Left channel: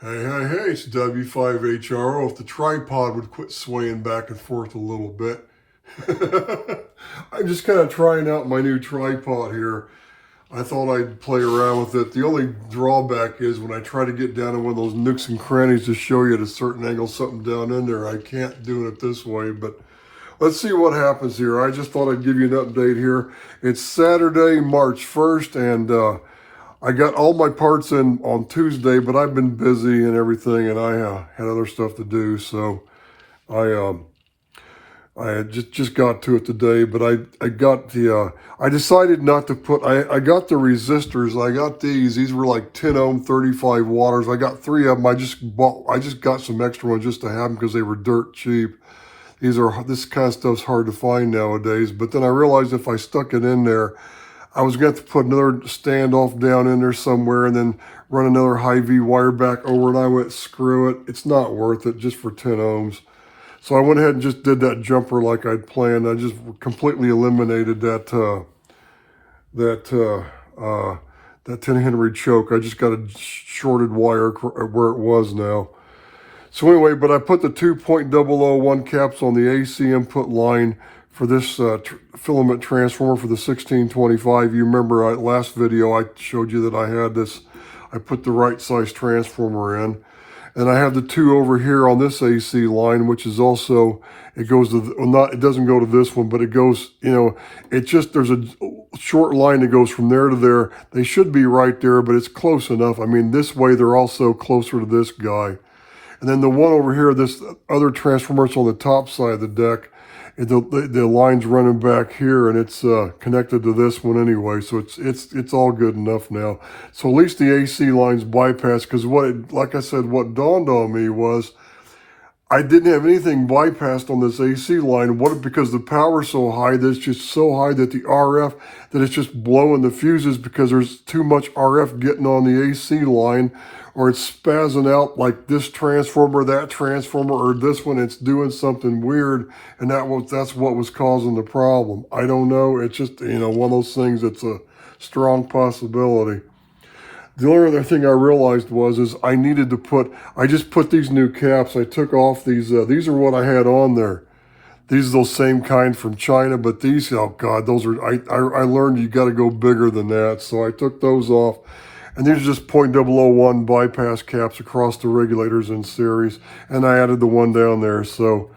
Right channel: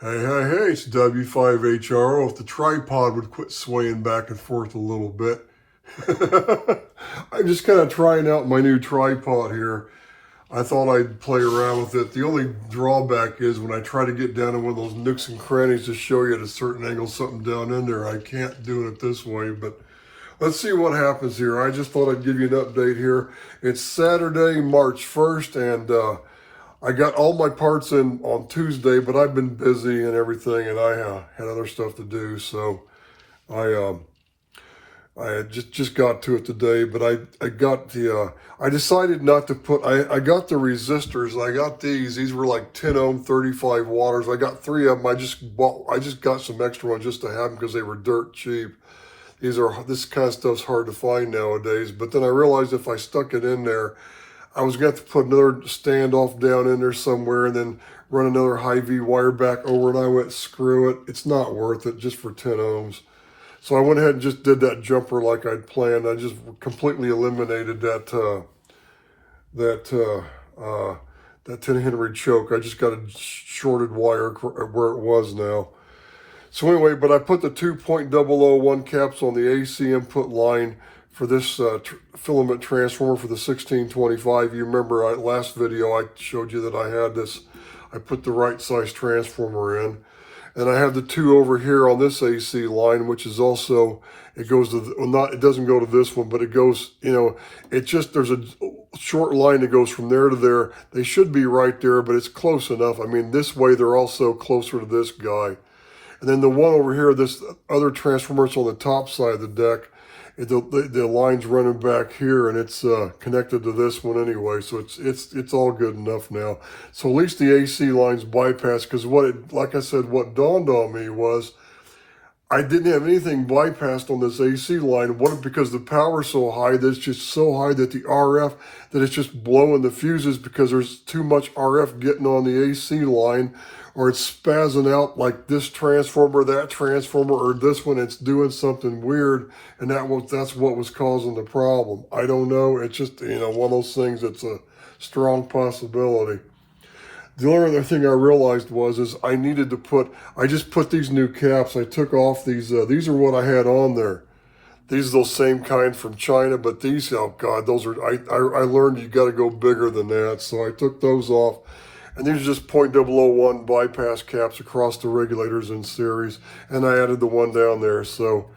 Hey, it's W5HRO. If the tripod would quit swaying back and forth a little bit. I'm just kind of trying out my new tripod here. I thought I'd play around with it. The only drawback is when I try to get down to one of those nooks and crannies to show you at a certain angle something down in there, I can't do it this way, but let's see what happens here. I just thought I'd give you an update here. It's Saturday, March 1st, and I got all my parts in on Tuesday, but I've been busy and everything, and I had other stuff to do, so I I had just got to it today. But I got the I decided not to put I got the resistors. I got these were like 10 ohm 35 watts. I got three of them. I just got some extra ones just to have them because they were dirt cheap. This kind of stuff's hard to find nowadays. But then I realized if I stuck it in there, I was going to have to put another standoff down in there somewhere and then run another high V wire back over, and I went, screw it. It's not worth it just for 10 ohms. So I went ahead and just did that jumper like I'd planned. I just completely eliminated that 10 Henry choke. I just got a shorted wire where it was now. So anyway, but I put the 2.001 caps on the AC input line for this filament transformer for the 1625. You remember last video I showed you that I had this, I put the right size transformer in. And I have the two over here on this AC line, which is also, it goes to, it doesn't go to this one, but it goes, there's a short line that goes from there to there. They should be right there, but it's close enough. I mean, this way they're also closer to this guy. And then the one over here, this other transformer's on the top side of the deck. The line's running back here, and it's connected to this one anyway, so it's all good enough now. So at least the AC line's bypassed, because like I said, what dawned on me was I didn't have anything bypassed on this AC line. Because the power's so high that it's just so high that the RF, that it's just blowing the fuses because there's too much RF getting on the AC line, or it's spazzing out like this transformer, that transformer, or this one, it's doing something weird, and that's what was causing the problem. I don't know. It's just, one of those things that's a strong possibility. The only other thing I realized is I just put these new caps. I took off these are what I had on there. These are those same kind from China, but these, oh God, those are, I learned you got to go bigger than that. So I took those off, and these are just 0.001 bypass caps across the regulators in series, and I added the one down there. So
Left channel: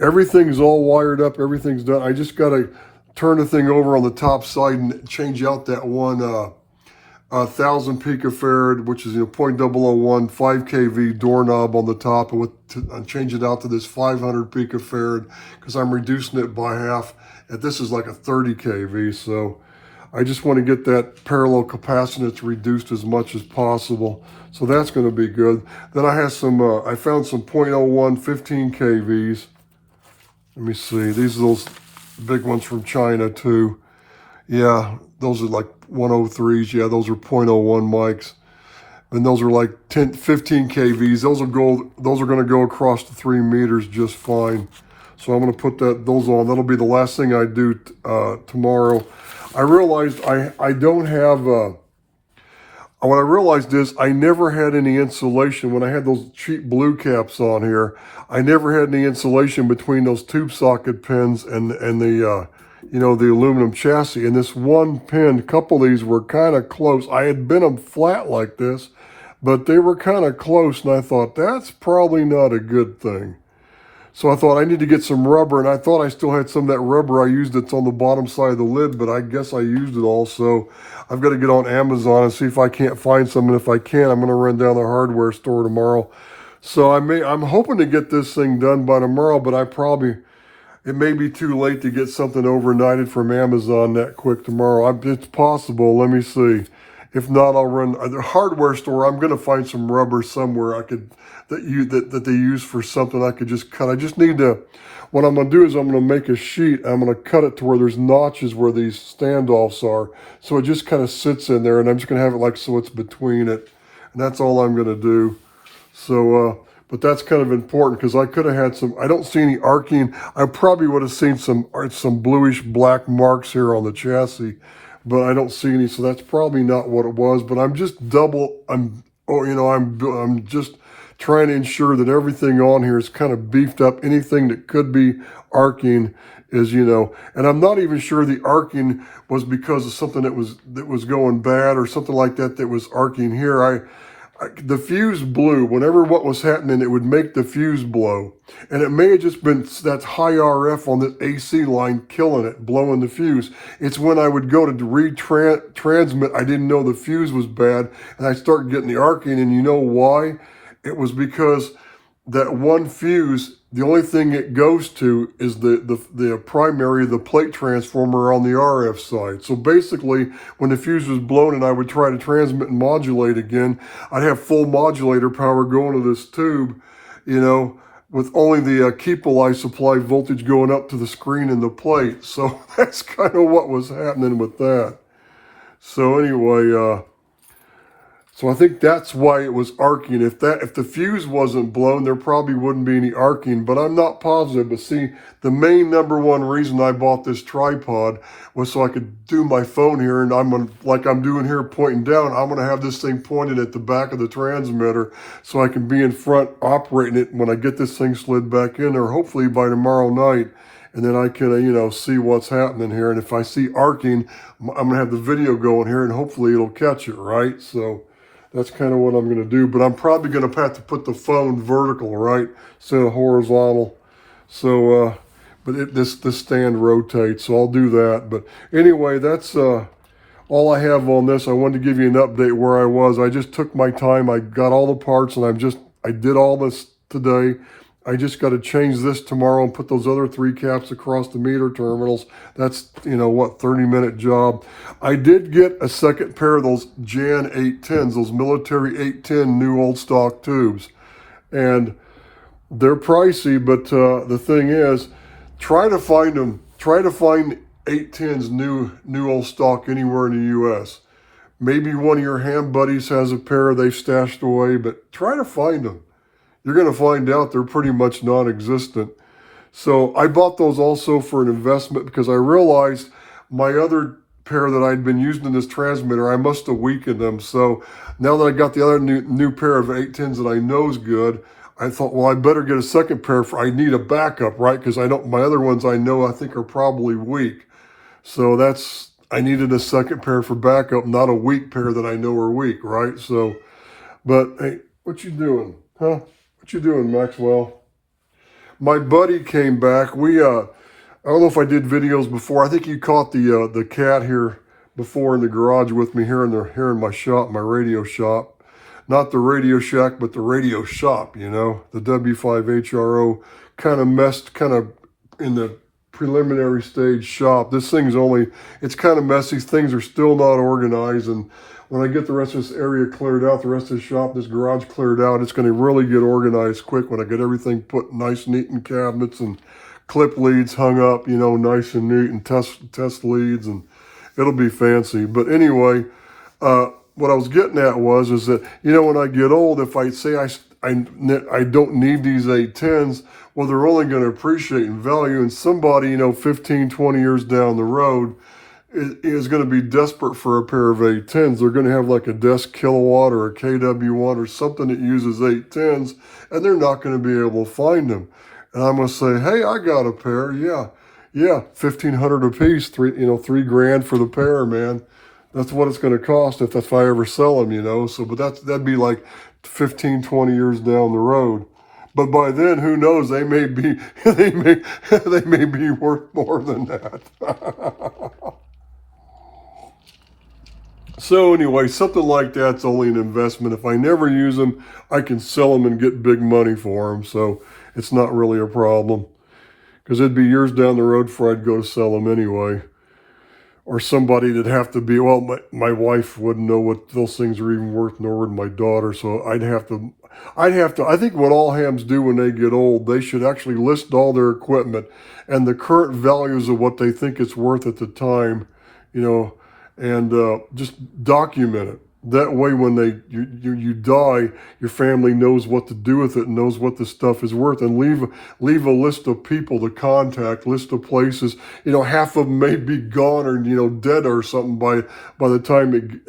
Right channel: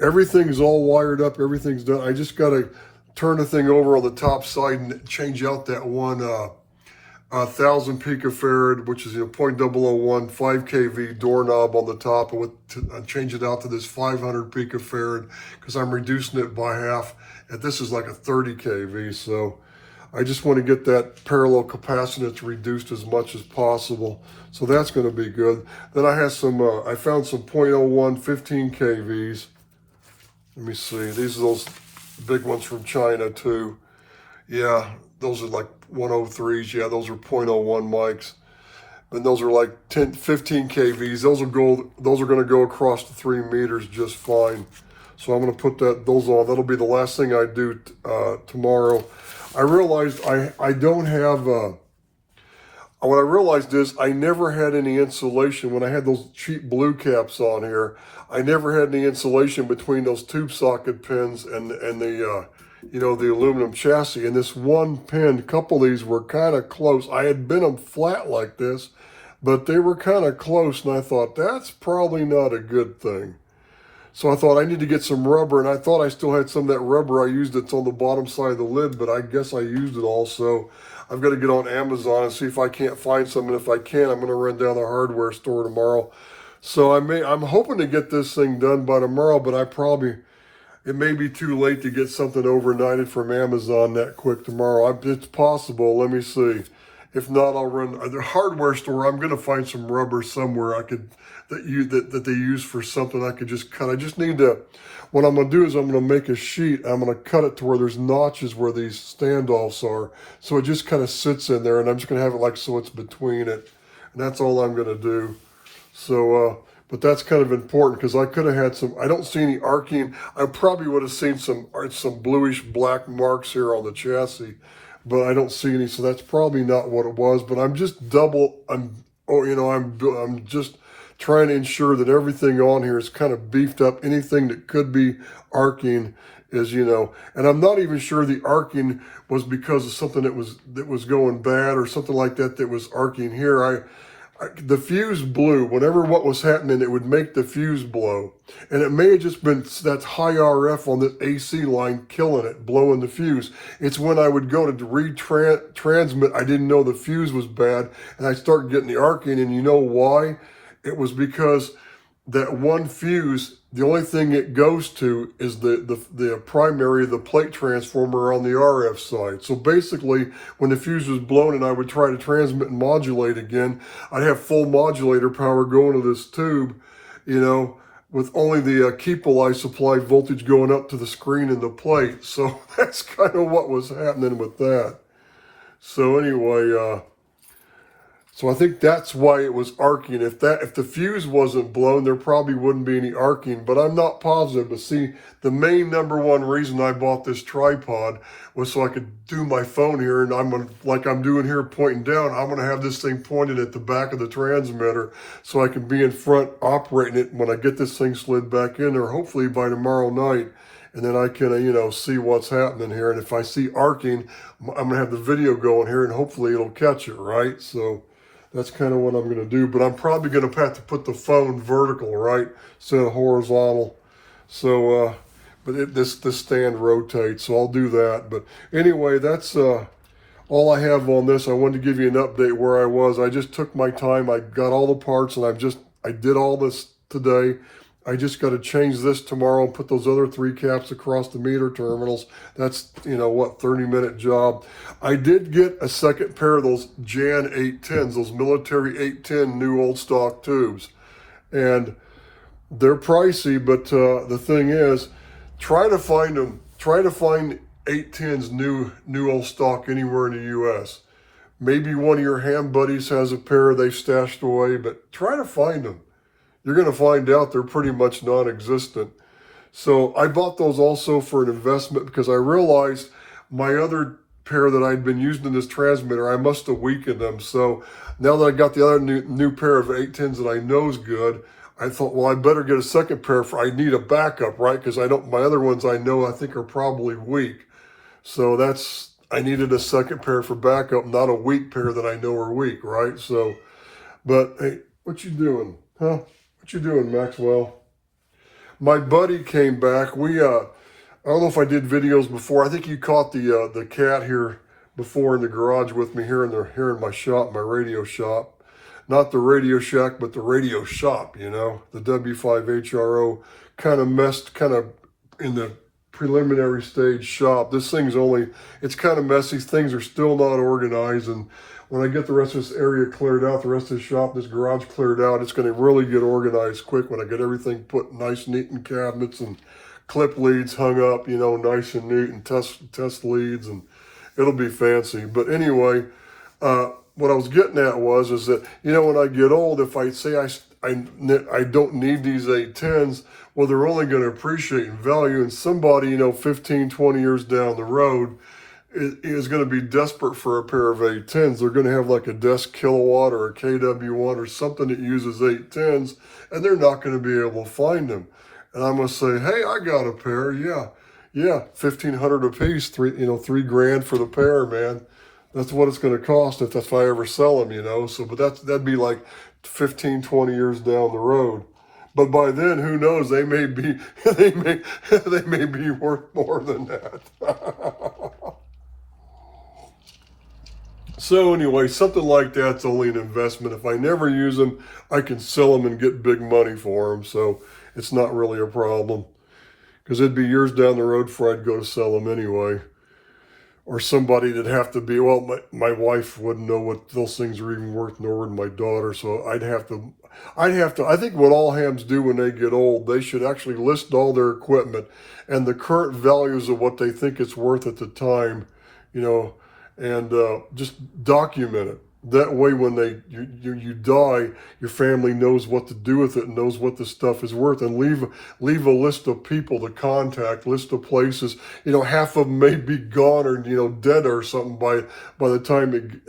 everything's all wired up, everything's done. I just got to turn the thing over on the top side and change out that one 1,000 picofarad, which is 0.001 5 kV doorknob on the top, and change it out to this 500 picofarad because I'm reducing it by half. And this is like a 30 kV, so I just want to get that parallel capacitance reduced as much as possible. So that's going to be good. Then I have I found some 0.01 15 kVs. Let me see. These are those big ones from China too. Yeah, those are like 103s. Yeah, those are 0.01 mics. And those are like 15 kVs. Those are going to go across the 3 meters just fine. So I'm going to put those on. That'll be the last thing I do tomorrow. I realized I don't have, what I realized is I never had any insulation. When I had those cheap blue caps on here, I never had any insulation between those tube socket pins and the, the aluminum chassis. And this one pin, a couple of these were kind of close. I had bent them flat like this, but they were kind of close. And I thought, that's probably not a good thing. So I thought I need to get some rubber, and I thought I still had some of that rubber I used that's on the bottom side of the lid, but I guess I used it all. So I've got to get on Amazon and see if I can't find some. And if I can, I'm going to run down the hardware store tomorrow. So I'm hoping to get this thing done by tomorrow, but it may be too late to get something overnighted from Amazon that quick tomorrow. It's possible. Let me see. If not, I'll run the hardware store. I'm going to find some rubber somewhere that they use for something I could just cut. I just need to, what I'm going to do is I'm going to make a sheet. I'm going to cut it to where there's notches where these standoffs are. So it just kind of sits in there, and I'm just going to have it like so it's between it. And that's all I'm going to do. So, but that's kind of important because I could have had I don't see any arcing. I probably would have seen some bluish black marks here on the chassis, but I don't see any. So that's probably not what it was, but I'm just trying to ensure that everything on here is kind of beefed up. Anything that could be arcing is, and I'm not even sure the arcing was because of something that was going bad or something like that was arcing here. The fuse blew. Whenever what was happening, it would make the fuse blow. And it may have just been that high RF on the AC line killing it, blowing the fuse. It's when I would go to retransmit, I didn't know the fuse was bad, and I started getting the arcing, and you know why? It was because that one fuse, the only thing it goes to is the primary, the plate transformer on the RF side. So basically, when the fuse was blown and I would try to transmit and modulate again, I'd have full modulator power going to this tube, with only the keep-alive supply voltage going up to the screen and the plate. So that's kind of what was happening with that. So anyway, so I think that's why it was arcing. If the fuse wasn't blown, there probably wouldn't be any arcing, but I'm not positive. But see, the main number one reason I bought this tripod was so I could do my phone here, and like I'm doing here, pointing down, I'm gonna have this thing pointed at the back of the transmitter so I can be in front operating it when I get this thing slid back in there, hopefully by tomorrow night. And then I can, see what's happening here. And if I see arcing, I'm gonna have the video going here, and hopefully it'll catch it, right? So that's kind of what I'm going to do, but I'm probably going to have to put the phone vertical, right, instead of horizontal. So, but this stand rotates, so I'll do that. But anyway, that's all I have on this. I wanted to give you an update where I was. I just took my time. I got all the parts, and I did all this today. I just got to change this tomorrow and put those other 3 caps across the meter terminals. That's, 30-minute job. I did get a second pair of those Jan 810s, those military 810 new old stock tubes. And they're pricey, but the thing is, try to find 810s new old stock anywhere in the U.S. Maybe one of your ham buddies has a pair they've stashed away, but try to find them. You're going to find out they're pretty much non-existent. So I bought those also for an investment because I realized my other pair that I'd been using in this transmitter, I must have weakened them. So now that I got the other new pair of 810s that I know is good, I thought, well, I better get a second pair. I need a backup, right? Because my other ones I think are probably weak. So I needed a second pair for backup, not a weak pair that I know are weak, right? So, but hey, what you doing, huh? What you doing, Maxwell? My buddy came back. I don't know if I did videos before. I think you caught the cat here before in the garage with me here in my shop, my radio shop. Not the Radio Shack, but the radio shop, the W5HRO kind of in the preliminary stage shop. This thing's it's kind of messy. Things are still not organized, and when I get the rest of this area cleared out, the rest of the shop, this garage cleared out, it's going to really get organized quick when I get everything put nice, neat in cabinets and clip leads hung up, nice and neat, and test leads, and it'll be fancy. But anyway, what I was getting at is that, when I get old, if I say I don't need these 810s, well, they're only going to appreciate in value, and somebody, 15, 20 years down the road, is going to be desperate for a pair of 810s. They're going to have like a desk kilowatt or a KW1 or something that uses 810s, and they're not going to be able to find them. And I'm going to say, hey, I got a pair. Yeah, $1,500 a piece, $3,000 for the pair, man. That's what it's going to cost if I ever sell them, So, but that'd be like 15, 20 years down the road. But by then, who knows? They may be worth more than that. So anyway, something like that's only an investment. If I never use them, I can sell them and get big money for them. So it's not really a problem, because it'd be years down the road before I'd go to sell them anyway. Or somebody that'd have to be, well, my wife wouldn't know what those things are even worth, nor would my daughter. So I'd have to, I think what all hams do when they get old, they should actually list all their equipment and the current values of what they think it's worth at the time, and just document it. That way, when you die, your family knows what to do with it and knows what the stuff is worth, and leave a list of people to contact, list of places. Half of them may be gone or dead or something by the time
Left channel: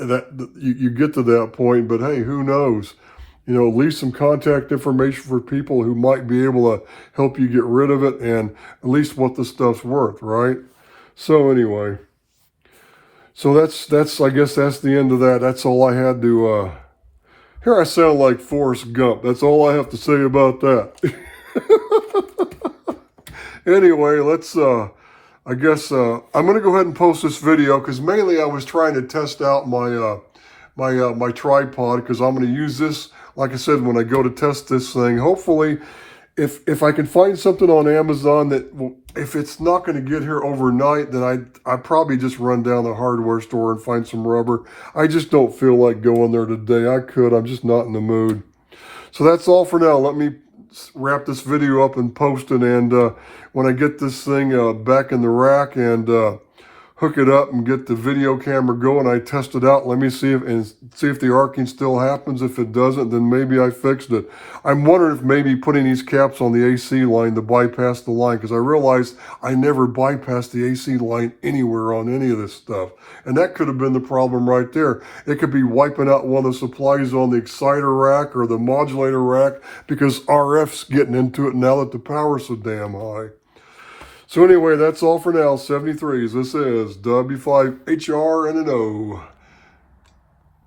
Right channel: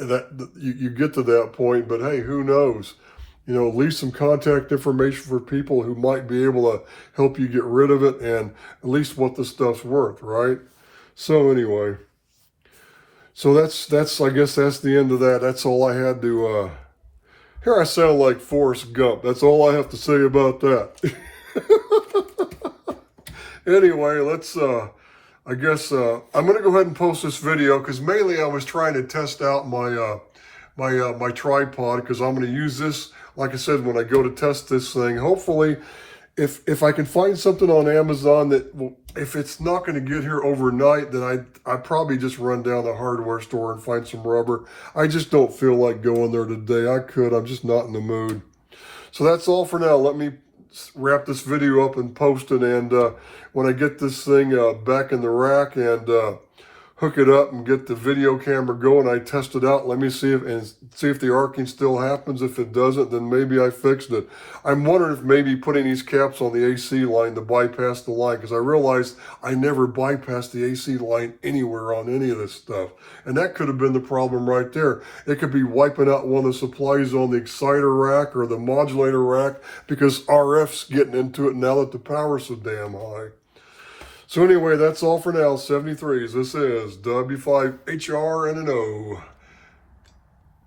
you get to that point. But hey, who knows? you know, leave some contact information for people who might be able to help you get rid of it and at least what the stuff's worth, right? So anyway, so that's I guess that's the end of that. That's all I had to, here I sound like Forrest Gump. That's all I have to say about that. Anyway, let's, I guess, I'm going to go ahead and post this video because mainly I was trying to test out my, my tripod because I'm going to use this, like I said, when I go to test this thing. Hopefully, if I can find something on Amazon that, if it's not going to get here overnight, then I probably just run down the hardware store and find some rubber. I just don't feel like going there today. I could, I'm just not in the mood. So that's all for now. Let me wrap this video up and post it. And when I get this thing back in the rack and hook it up and get the video camera going, I test it out. Let me see if the arcing still happens. If it doesn't, then maybe I fixed it. I'm wondering if maybe putting these caps on the AC line to bypass the line, because I realized I never bypassed the AC line anywhere on any of this stuff. And that could have been the problem right there. It could be wiping out one of the supplies on the exciter rack or the modulator rack because RF's getting into it now that the power's so damn high. So anyway, that's all for now. 73s. This is W5HR and an O.